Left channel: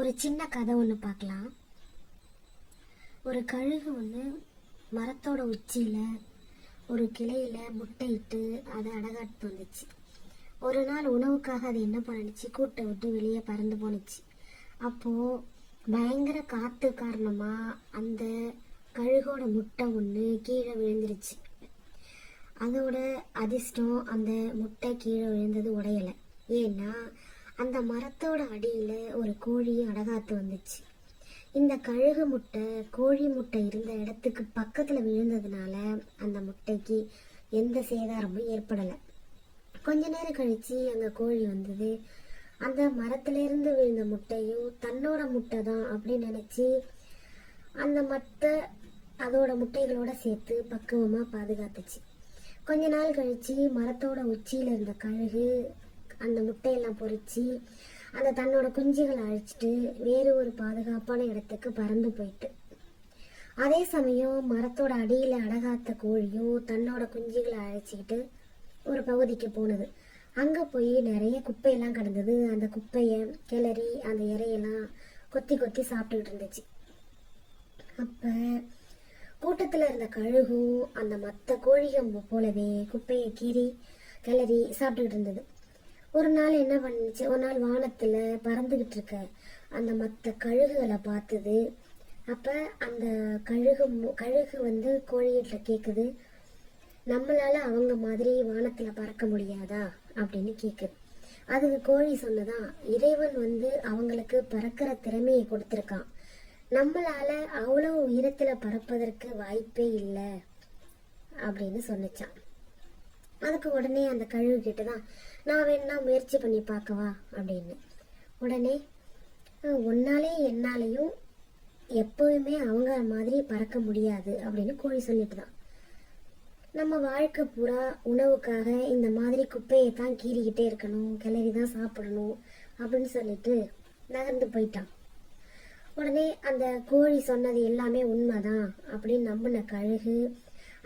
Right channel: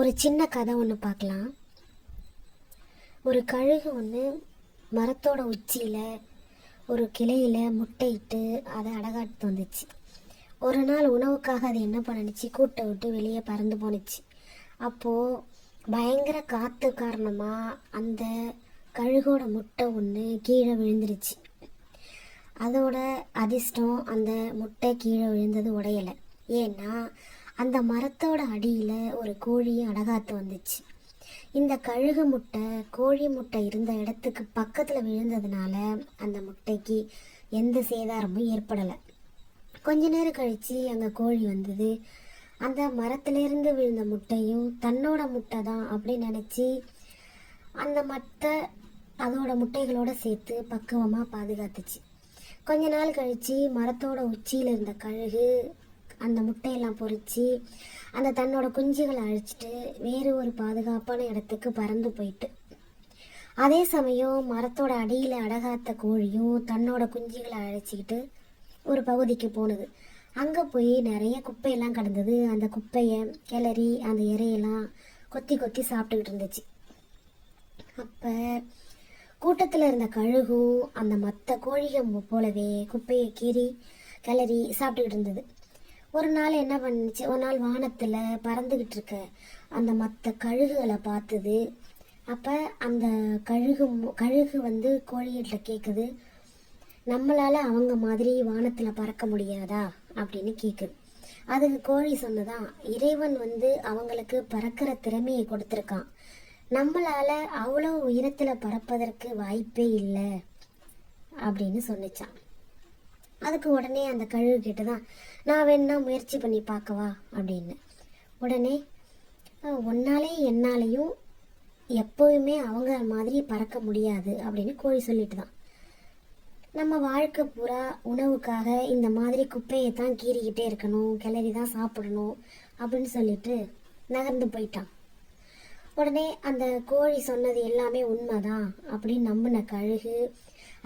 ஒரு சின்ன கதை ஒன்று பார்க்கலாம். ஒரு கழுகு ஒன்று மரத்தோட உச்சியில் ஒரு கிளையில் முட்டையிட்டு அதை அடகாட்டு வந்துச்சு. ஒரு நாள் உணவுக்காக அது என்ன பண்ணுச்சு, கூட்டை விட்டு வெளியே பறந்து போணுச்சு. அப்போது பயங்கர காற்று காரணமாக அந்த கழுகோட முட்டை ஒன்று கீழே விழுந்துருச்சு. அதோட அதிர்ஷ்டம், அந்த முட்டை கீழே விழுந்தது உடையலை. ஏன்னா அந்த மரத்தோட அடியில் ஒரு கோழி அடகாத்து வந்துச்சு. இந்த கழுகு முட்டை கோழி முட்டை இருந்த இடத்துக்கு பக்கத்தில் விழுந்ததுனால அந்த முட்டைக்கு எந்த சேதாரமும் ஏற்படலை. கொஞ்ச நேரம் கழித்து அந்த கோழி வந்தது. அந்த மரத்திலிருந்து விழுந்த முட்டையும் தன்னோட முட்டை தான் அப்படின்னு நினச்சி அந்த மட்டை அதோட முட்டைகளோடு சேர்த்து பக்குவமாக பாதுகாத்துச்சு. கொஞ்ச நாள் கழித்து மரத்தோட உச்சியில் இருந்த கழுகு அந்த முட்டையெல்லாம் பொறிச்சு அந்த தன்னோட குஞ்சுகளை அழிச்சிட்டு வேறு ஒரு பாதுகாப்பான இடத்துக்கு பறந்து போயிட்டு, அதே சமயம் மரத்தோட அடியில் அடகாத்த கோழியும் தன்னோட குஞ்சுகளை அழைச்சிக்கிட்டு ஒரு பகுதிக்கு போனது. அங்கே போய் நிறைய குப்பையெல்லாம் கிடந்தது. அந்த குப்பையை கிளறி அந்த இறையெல்லாம் கொத்தி கொத்தி சாப்பிட்டுக்கிட்டு இருந்துச்சு. அப்போ கூட்டத்தில் இருந்த கழுகும் அந்த மற்ற கோழிகள் போலவே குப்பையை கீறி கிளறி சாப்பிட்டுக்கிட்டு இருந்தது. ஒரு நாள் என்ன பண்ணுச்சு, ஒரு நாள் வானத்தில் பறந்துக்கிட்டு இருக்க அந்த மற்ற கழுகுகளை பார்த்தது. அப்போ அந்த கழுகு வந்து கோழிகிட்ட கேட்குது, நம்மளால் அவங்க மாதிரி வானத்தில் பறக்க முடியாதா அப்படின்னு கேட்குது. அதுக்கு கோழி சொன்னதான், இறைவன் வந்து அவங்களுக்கு பறக்கிற திறமையை கொடுத்துருக்கான், நம்மளால் அவ்வளோ உயரத்தில் பறப்பதற்கு வாய்ப்பே இல்லை அப்படின்னு சொன்னிச்சான். அதுக்கு உடனே அந்த கழுகு கிட்ட தான், நான் வேணா முயற்சி பண்ணி பார்க்கவா அப்படின்னு. உடனே ஒன்னாலே என்னாலையும் எப்போவுமே அவங்க மாதிரி பறக்க முடியாது அப்படின்னு கோழி சொல்லிட்டு தான், நம்ம வாழ்க்கை பூரா உணவுக்காக இந்த மாதிரி குப்பையை தான் கீறிக்கிட்டே இருக்கணும், கிளறி தான் சாப்பிடணும் அப்படின்னு சொல்லிட்டு நகர்ந்து போயிட்டான். உடனே அந்த கோழி சொன்னது எல்லாமே உண்மைதான் அப்படின்னு நம்பின கழுகு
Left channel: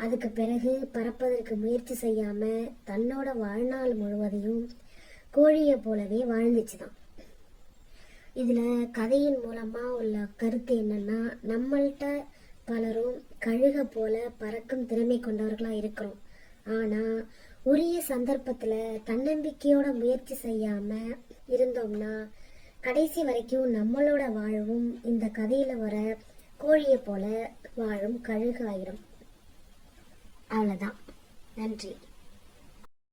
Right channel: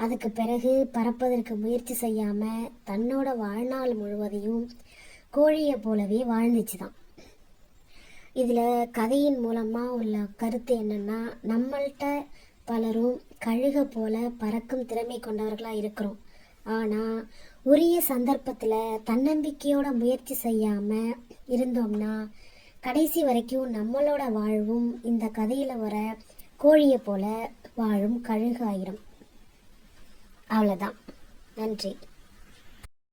அதுக்கு பிறகு பறப்பதற்கு முயற்சி செய்யாமல் தன்னோட வாழ்நாள் முழுவதையும் கோழியை போலவே வாழ்ந்துச்சு தான். இதில் கதையின் மூலமாக உள்ள கருத்து என்னென்னா, நம்மள்கிட்ட பலரும் கழுகை போல பறக்கும் திறமை கொண்டவர்களாக இருக்கிறோம். ஆனால் உரிய சந்தர்ப்பத்தில் தன்னம்பிக்கையோட முயற்சி செய்யாமல் இருந்தோம்னா கடைசி வரைக்கும் நம்மளோட வாழ்வும் இந்த கதையில் வர கோழியை போல வாழும் கழுகு ஆயிரும். அவ்வளோதான். நன்றி.